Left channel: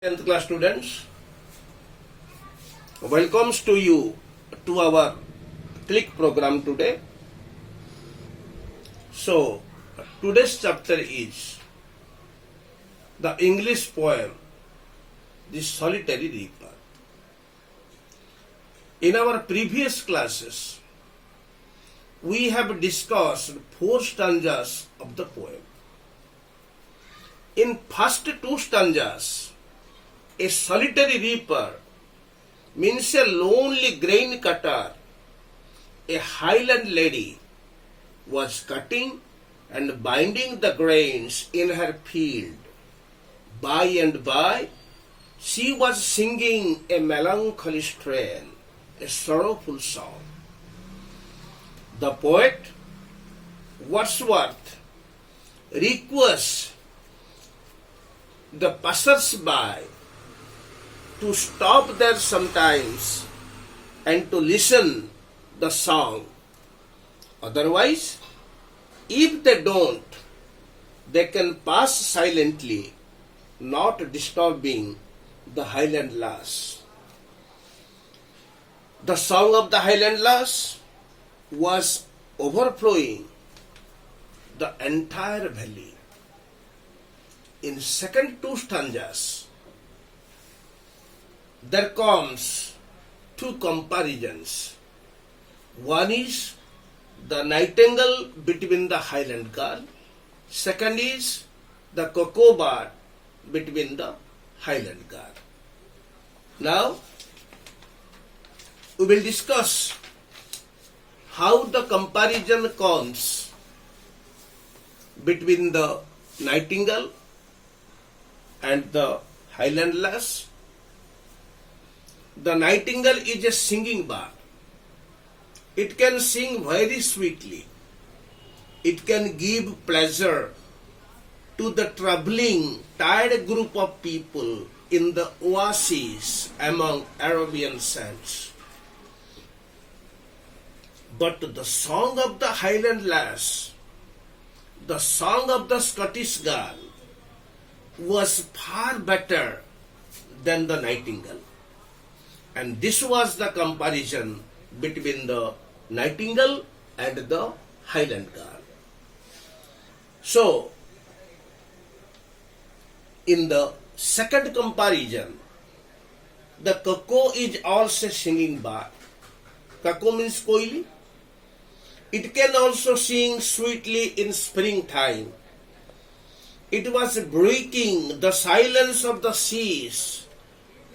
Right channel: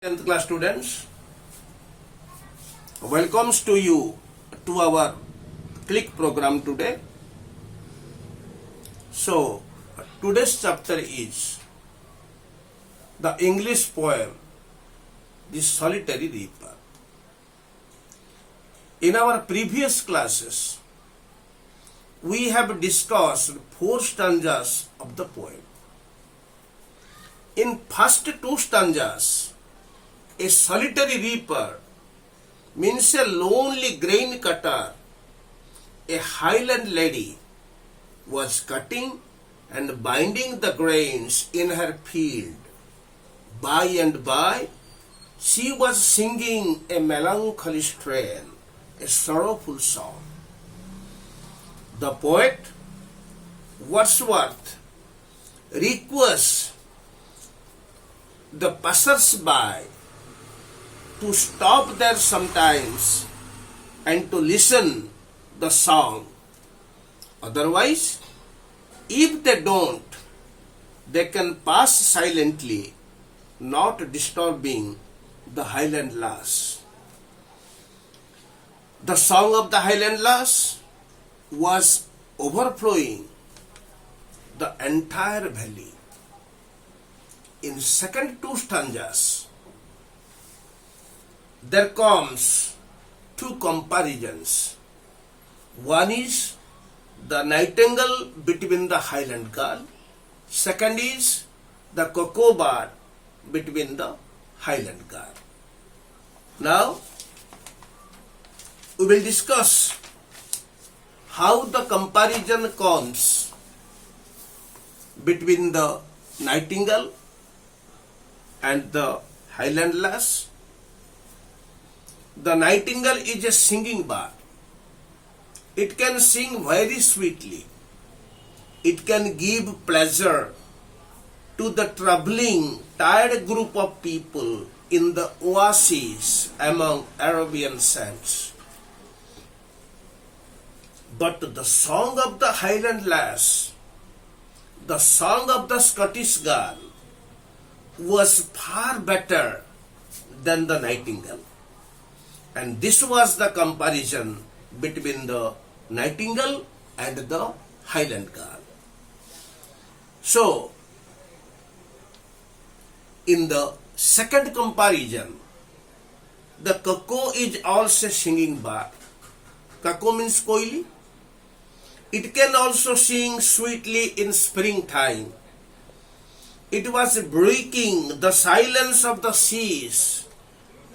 10th class students, welcomes to you to our click program today. So today's chapter is the English poem The Solitary Reaper. In our previous classes we have discussed 4 stanzas of the poem. In first 2 stanzas, a solitary reaper means a lonely grain cutter. A highland lady was cutting and binding the grains in her field. By and by, she was singing a melancholy strain, a sorrowful song. The poet Wordsworth requests the passers-by to stop there sometimes and to listen the song. Otherwise, if they don't, they can pass silently, not disturbing the Highland lass. The song of the Highland lass was overflowing the entire valley. In second 2 stanzas, there comes 2 comparisons. One is the nightingale between the Highland girl. Second is the cuckoo bird between the Highland girl. Now, we will discuss how the comparison comes between the nightingale and the Highland lass. The nightingale is a singing bird. It can sing very sweetly. It can give pleasure to the traveling, tired group of people in the oases among Arabian sands. But the song of the Highland lass, the song of the Scottish girl, was far better than the nightingale. And this was the comparison between the nightingale and the Highland girl. So, in the second comparison, the cuckoo is also singing bird. Cuckoo means koili. It can also sing sweetly in springtime. It was breaking the silence of the seas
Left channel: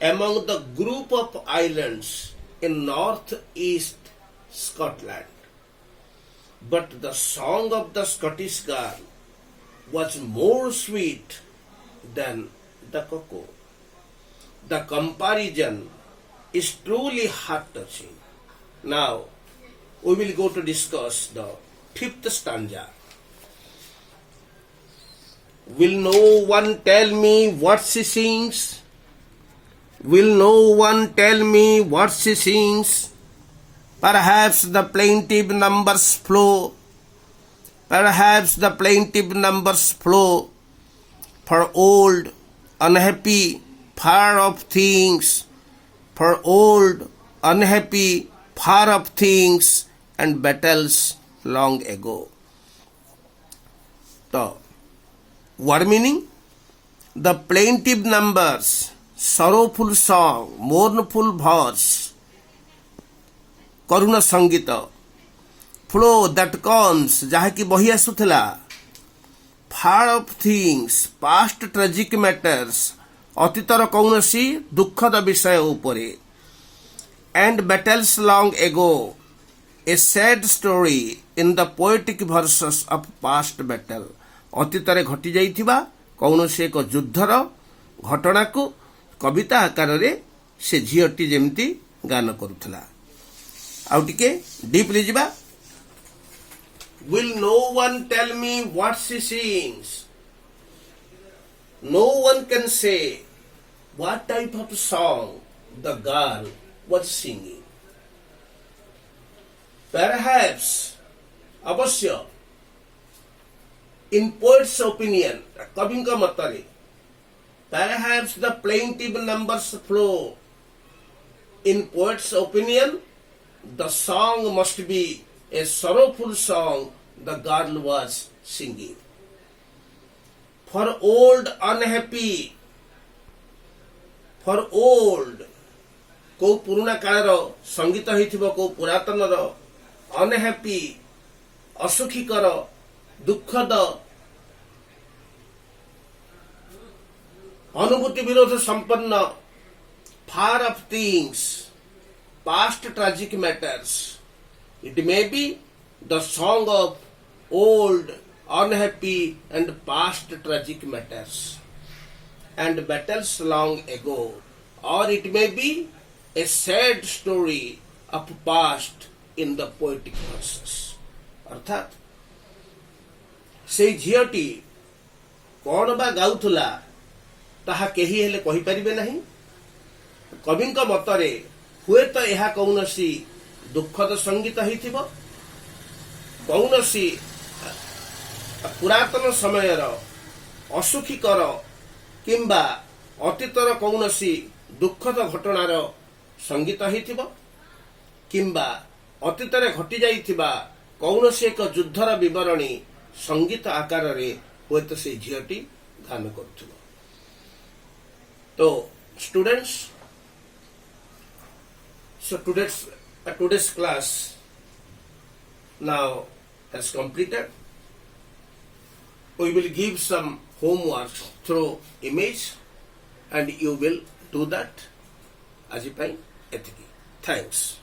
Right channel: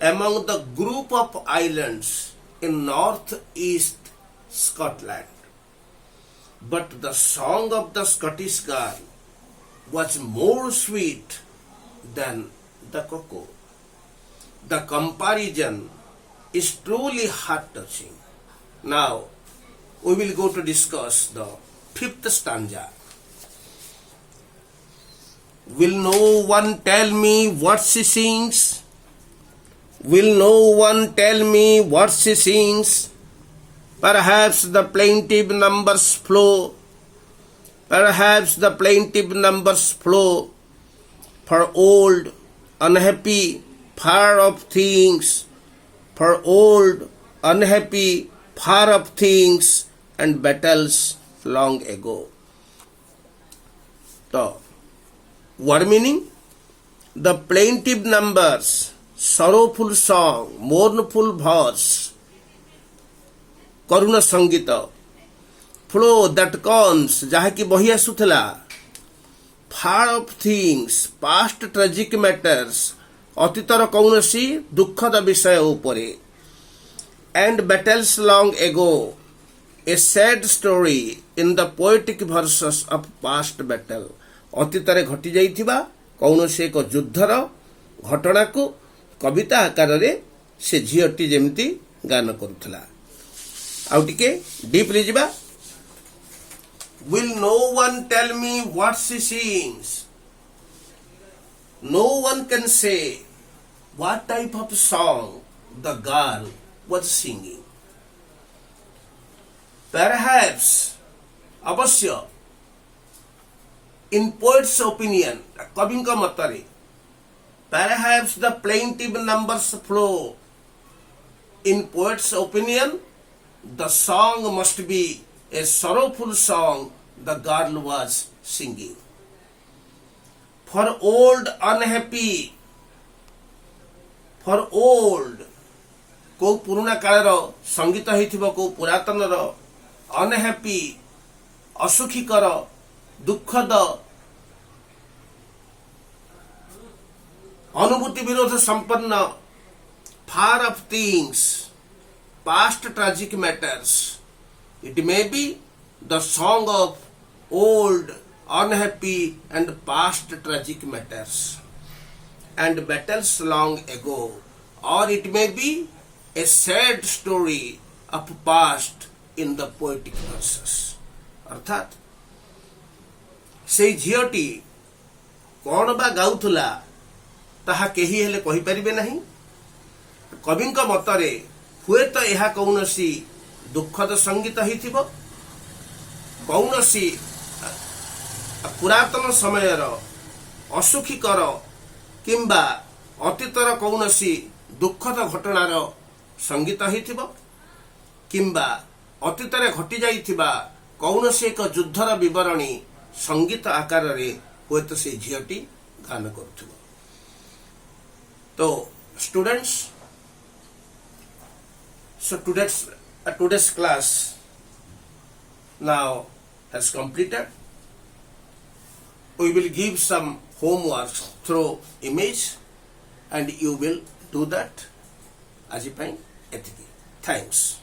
among the group of islands in northeast Scotland. But the song of the Scottish girl was more sweet than the cuckoo. The comparison is truly heart-touching. Now, we will go to discuss the 5th stanza. Will no one tell me what she sings? Will no one tell me what she sings? Perhaps the plaintive numbers flow. Perhaps the plaintive numbers flow for old, unhappy, far off things. For old, unhappy, far off things and battles long ago. So, what meaning? The plaintive numbers, sorrowful song, mournful verse, କରୁଣ ସଙ୍ଗୀତ, flow that comes, ଯାହାକି ବହି ଆସୁଥିଲା, far of things, past tragic matters, ଅତୀତର କୌଣସି ଦୁଃଖଦ ବିଷୟ ଉପରେ, and battles long ago, a sad story in the poetic verses of past battle. ଅତୀତରେ ଘଟି ଯାଇଥିବା କୌଣସି ଏକ ଯୁଦ୍ଧର ଘଟଣାକୁ କବିତା ଆକାରରେ ସେ ଝିଅଟି ଯେମିତି ଗାନ କରୁଥିଲା. ଆଉ ଟିକେ ଡିପ୍ଲି ଯିବା. Will no one tell me what she sings? No one can say what type of song the girl was singing. Perhaps, अवश्य, in poet's opinion, कविଙ୍କ ମତରେ, Perhaps the plaintive numbers flow. In poet's opinion, the song must be a sorrowful song the girl was singing. For old unhappy, for old, କୋଉ ପୁରୁଣା କାଳର ସଙ୍ଗୀତ ହେଇଥିବ, କୋଉ ପୁରାତନର, ଅନହ୍ୟାପି, ଅସୁଖୀକର, ଦୁଃଖଦ, ଅନୁଭୂତି ବିରୋଧ ସମ୍ପନ୍ନ, far of things, past tragic matters. It may be the song of old, unhappy and past tragic matters and battles long ago, or it may be a sad story of past in the poetic verses. अर्थात से झीटी कौन बा गाउथुला ताहा केही हेले कहि परिबे नहीं. कविंक मतरे हुए तो यह कौनसी दुखद संगीत हिथिबो, कौनसी पुरातन समयर असुखीकर किंबा अतीतर कौनसी दुखद घटनार संगीत हिथिबो, किंबा अतीतरे घटी जाइथिबा कौनसी एक युद्धर विवरणी संगीत आकार रे हुए तो से झीटी गान करुथिबो. तो students, so today's class now has completed. We will give some homework through image and you will do that. Aji pai etiki. Thanks.